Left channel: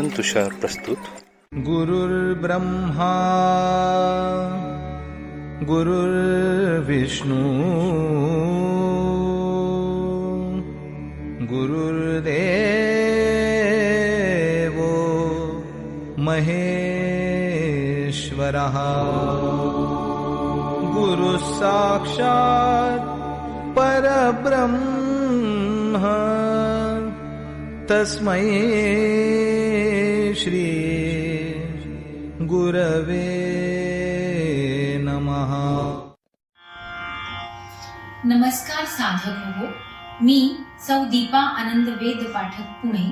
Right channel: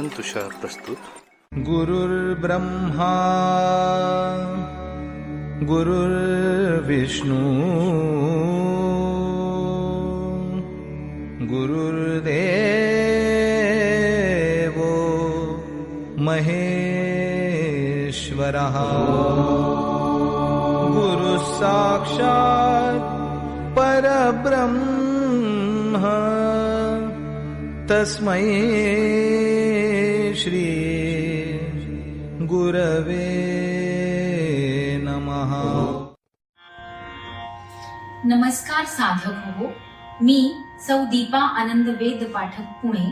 तुषार प्रस्तुत गुरुर्ब्रह्मा गुरुर्विष्णू गुरुर्देवो महेश्वरः। गुरुः साक्षात् परब्रह्म तस्मै श्री गुरवे नमः। नमस्कार साधक हो मी सौ दीपा आनंद वेद पाठक पुणे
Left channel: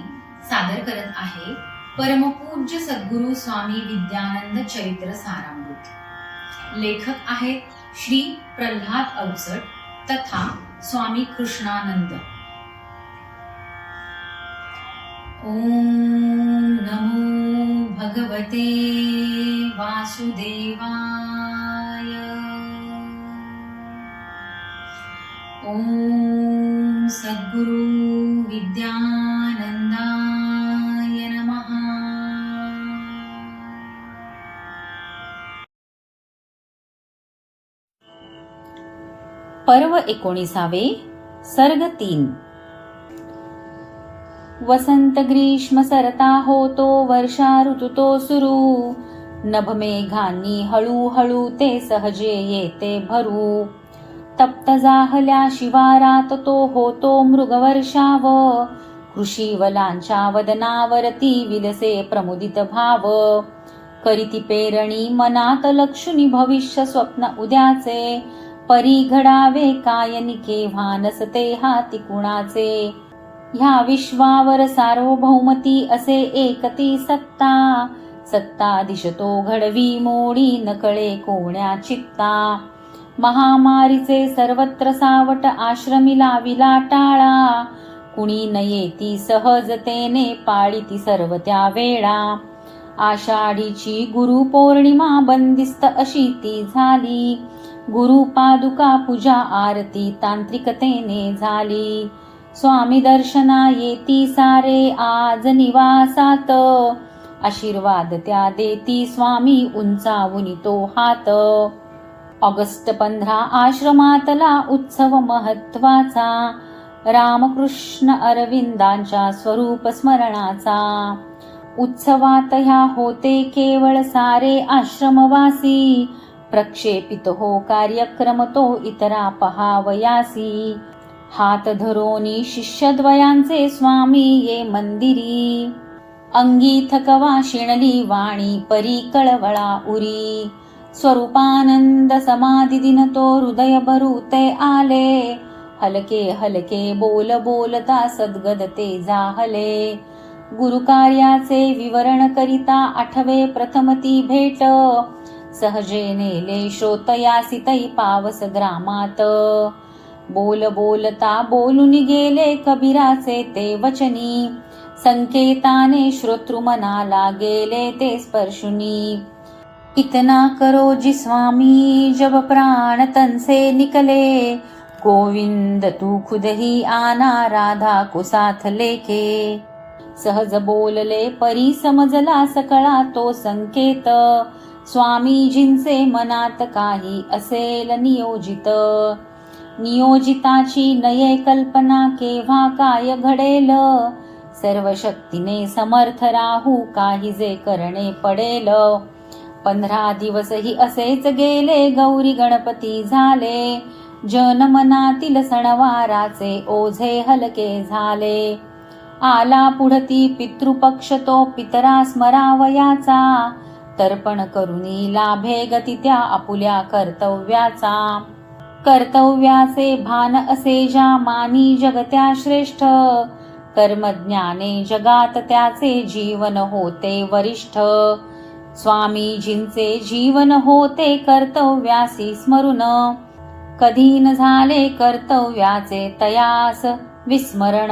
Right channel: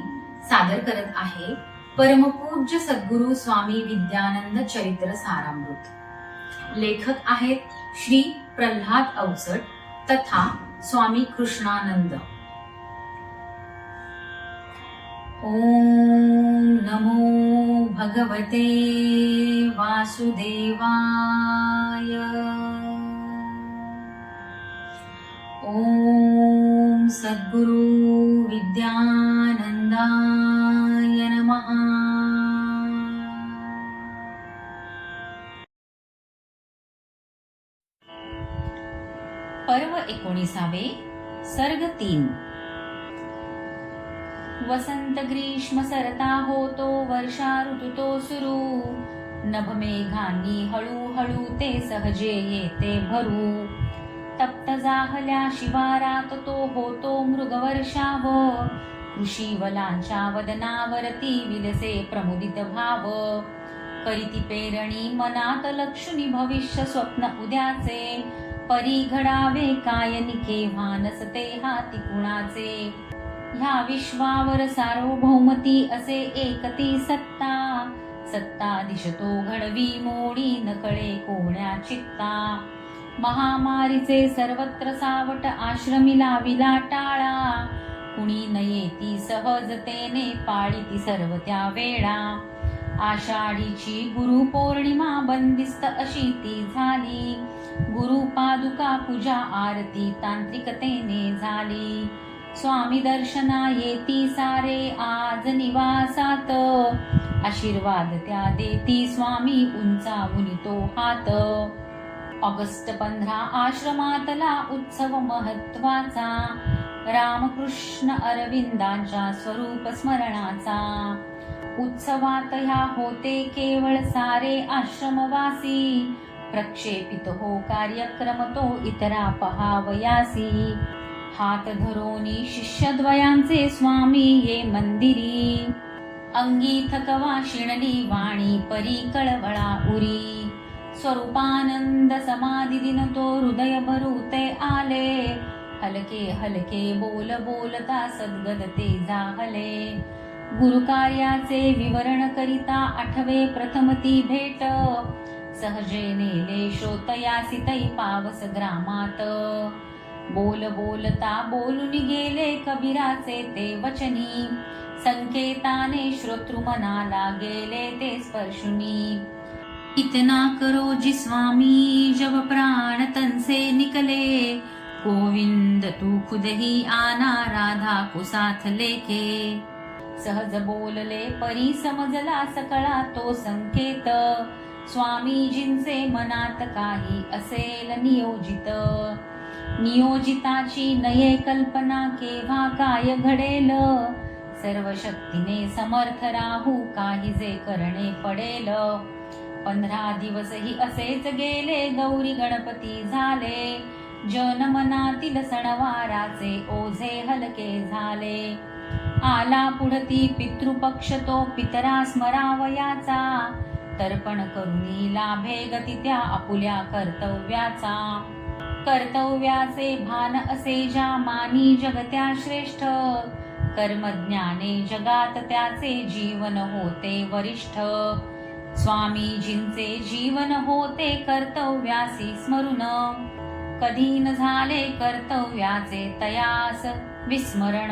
सादर करत आहे परमपूज्य सद्गुरु स्वामी विद्यानंद चरित्र सारामृत. लेखक आहेत श्री प्रल्हाद अवचट तथा स्वामी कृष्णानंद. ओम नमो भगवते वासुदेवाय। ॐ सद्गुरु विद्यानन्दाय नमः। पर्व एकोणीसावे सर्ग तीन। वसंत ग्रीष्म सरता होतो वर्षा ऋतुतो सुरू. नभमेघांनी हळूहळू ते सहजे येते भरू. तप्त जाहल्या शिवारात तो होतो मृगवर्षाव. कृषीवलांच्या वदनावरती विलसे प्रमुदित भाव. करीती पेरणी मनात लक्षुनी भविष्य स्वप्न उद्याचे. परी घडावे काय केव्हा नसते हाती कुणाचे. ह्या विश्वावर सार्वभौमती असे एकती सत्ता. सत्ता दिशतो घडवी मोडी नकळे कोण्या चित्ता. महामारीचे सर्वत्र सावट आश्रमीला विला टाळा. कुणी न येती सहजतेने पाळीती सर्व त्या वेळा. आषाढीची गुरु पौर्णिमा बंदिस्त अशी ती झाली. गुरु पादुका पूजा आरती तांत्रिकतेने झाली. स्वामी दर्शना येती सारे आज निवासात. आशीर्वाद त्या देती स्वामी उंचावून तो हात. ऑगस्ट पंधरा आश्रमातला उत्सव महत्त्वाचा. रामकृष्ण अरविंदांच्या स्वरूप स्मरणाचा. उत्सवात ह्या होते केवळ सारे आश्रमवासी. प्रक्षेपित हो कार्यक्रम तो इतरा पहावयासी. हात धरोनी शिष्यद्वयांचे स्वामी ये मंदिरी. अंगी थकवा शिणली वाणी परी कळवळा उरी. स्वरूपानंद समाधी दिन तो हृदय भरूते आले. हलके हलके बोल बोलता सद्गद ते जाहले. गुरुकार्याचे विवरण करिता आठवे प्रथम ती भेट. सहजे नेले श्रोतयासी तै पावस ग्रामात. बोल बोलता बोलून गेले कबीराचे ते वचनी. संकेताने श्रोतृमनाला गेले ते स्पर्शुनी. इतना करो जी स्वामी जब प्राण तन से निकले. गोविंद तू खुद ही आना राधा को साथ लेके. सहज बोलले परी समजला सकळा तो संकेत. स्वामीजींचे मनात काही असेल नियोजित. नियोजिताची नये कल्पना केव्हा काय घडेल? सर्व शक्तीने समर्थ राहू काही जे करणे पडेल. पंधरा दिवसही असेच गेले गौरी गणपती झाले. जनमनातील सणवाराचे ओझे हलके झाले. आला पुढती पितृपक्ष तो पितरा स्मरावयाचा. तर्पण करुनी लाभे गती त्या आपुल्या कर्तव्याचा. कर्तव्याचे भान असे ज्या मानी जगत्या श्रेष्ठ कर्मज्ञाने जगात त्याचे जीवन होते वरिष्ठ. स्वामीजींचे जीवन होते कर्तव्यासी स्मरून. कधी न झाले कर्तव्याचे तयास विस्मरण.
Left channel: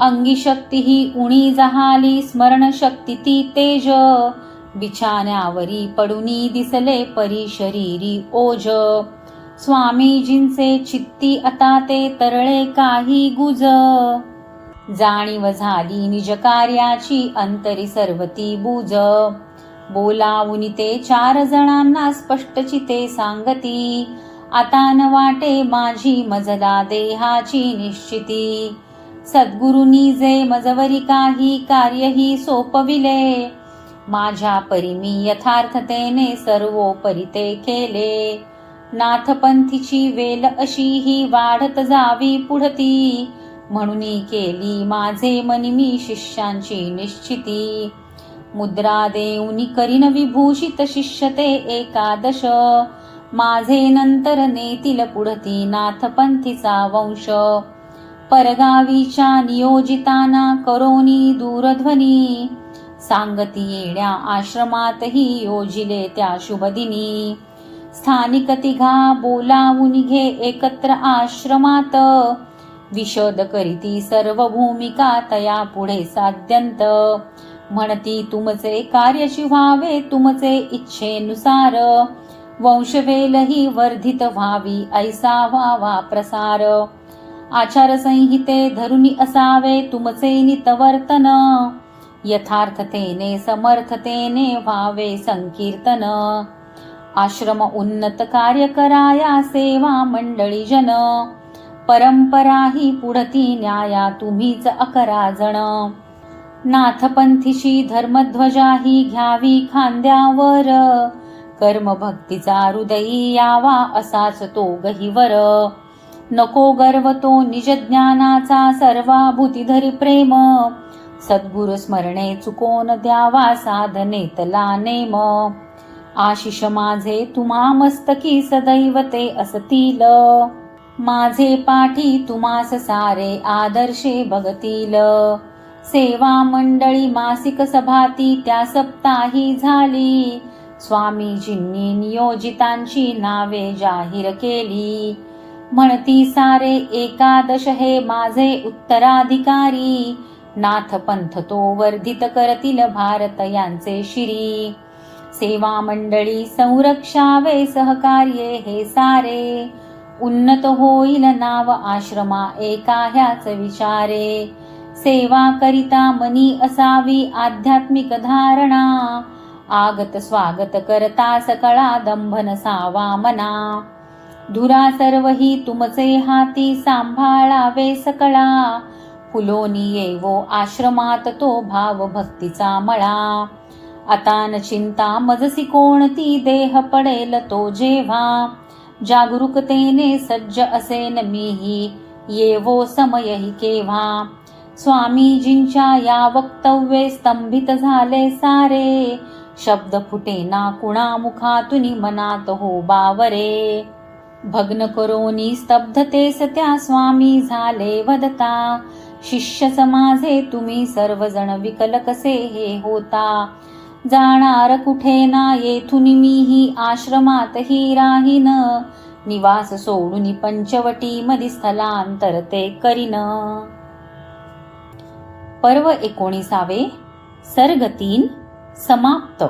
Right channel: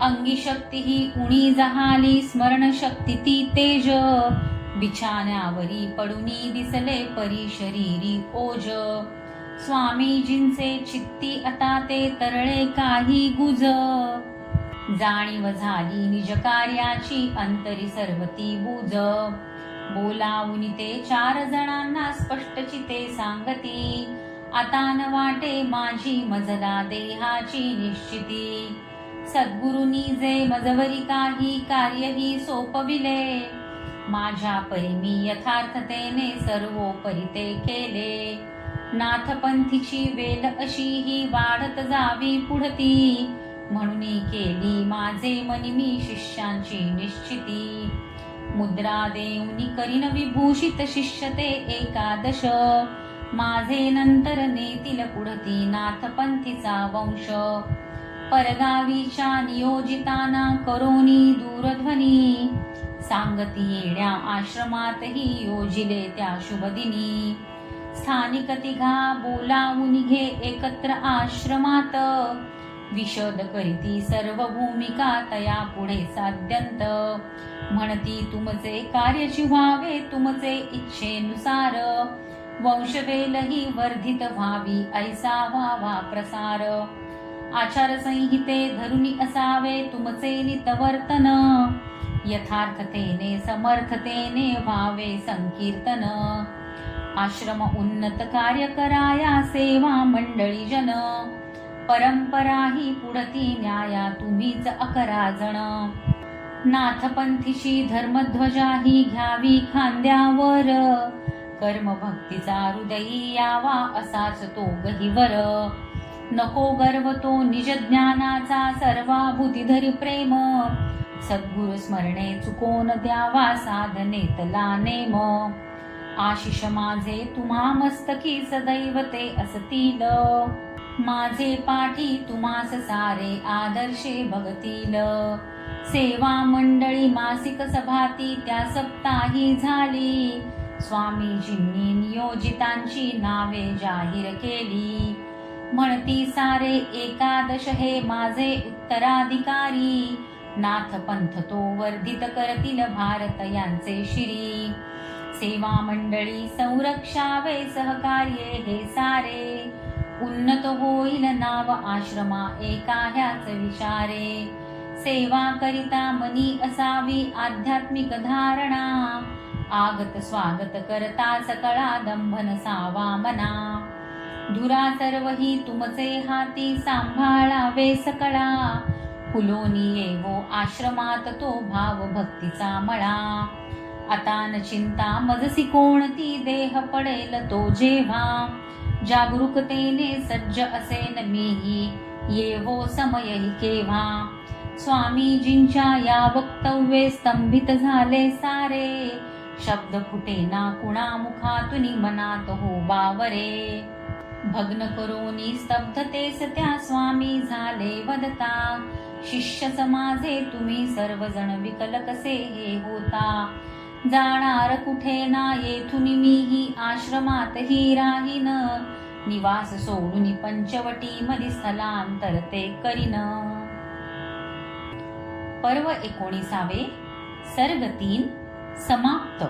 अंगी शक्ती ही उणी जहाली स्मरण शक्ती ती तेज. बिछाण्यावरी पडुनी दिसले परी शरीरी ओज. स्वामीजींचे चित्ती आता ते तरळे काही गुज. जाणीव झाली निज कार्याची अंतरी सर्वती बुज. बोलावून ते चार जणांना स्पष्ट चिते सांगती आता न वाटे माझी मजला देहाची निश्चिती. सद्गुरुनी जे मजवरी काही कार्यही सोपविले माझ्या परी मी यथार्थतेने सर्वोपरी ते केले. नाथपंथीची वेल अशी ही वाढत जावी पुढती. म्हणून केली माझे मनी मी शिष्यांची निश्चिती. मुद्रा देऊनी करीन विभूषित शिष्य ते एकादश. माझे नंतर नेतील पुढती नाथपंथीचा वंश. परगावीच्या नियोजिताना करोनी दूरध्वनी. सांगती येण्या आश्रमातही योजिले त्या शुभदिनी. स्थानिक तिघा बोलावून घे एकत्र आश्रमात. विशद करीती सर्व भूमिका तया पुढे साध्यंत. म्हणती तुमचे कार्यची व्हावे तुमचे इच्छेनुसार. वंशवेलही वर्धित व्हावी ऐसा व्हावा प्रसार. आचारसंहिते धरुनी असावे तुमचे नितवर्तन. यथार्थतेने समर्थतेने व्हावे संकीर्तन. आश्रम उन्नत कार्य कराया सेवा मंडळी जन. परंपरा ही पुढती न्याया तुम्हीच अकरा जण. नाथपंथीशी धर्मध्वजा ही घ्यावी खांद्यावर. कर्मभक्तीचा हृदयी यावा असाच तो गहिवर नको गर्व तो निज ज्ञानाचा प्रेम. सद्गुरु स्मरणे चुकोन द्यावा साधनेतला नेम. आशिष माझे तुम्हा मस्तकी सदैव ते असतील माझे पाठी तुम्हास सारे आदर्शे बघतील सेवा मंडळी मासिक सभाती त्या सप्ताही झाली. स्वामीजींनी नियोजितांची नावे जाहीर केली. म्हणती सारे एकादश हे माझे उत्तराधिकारी. नाथ पंथ तो वर्धित करतील भारत यांचे शिरी. सेवा मंडळी संरक्षावे सहकार्ये हे सारे. उन्नत होईल नाव आश्रमा एका ह्याच विचारे सेवा करिता मनी असावी आध्यात्मिक धारणा. आगत स्वागत करता सकळा दंभ नसावा मना. धुरा सर्व ही तुमचे हाती सांभाळावे सकळा. फुलोनी येवो आश्रमात तो भाव भक्तीचा मळा. आता न चिंता मजसी कोणती देह पडेल तो जेव्हा. जागरूकतेने सज्ज असेन मीही येवो समयही केव्हा. स्वामीजींच्या या वक्तव्ये स्तंभित झाले सारे. शब्द फुटेना कुणा मुखातून मनात हो बावरे. भग्न करोनी स्तब्धतेस त्या स्वामी झाले वदता. शिष्य समाजे तुम्ही सर्वजण विकल कसे हे होता. जाणार कुठे ना येथून मीही आश्रमातही राहीन. निवास सोडून पंचवटी मधी स्थलांतर ते करीन. पर्व एकोणीसावे सर्ग तीन समाप्त.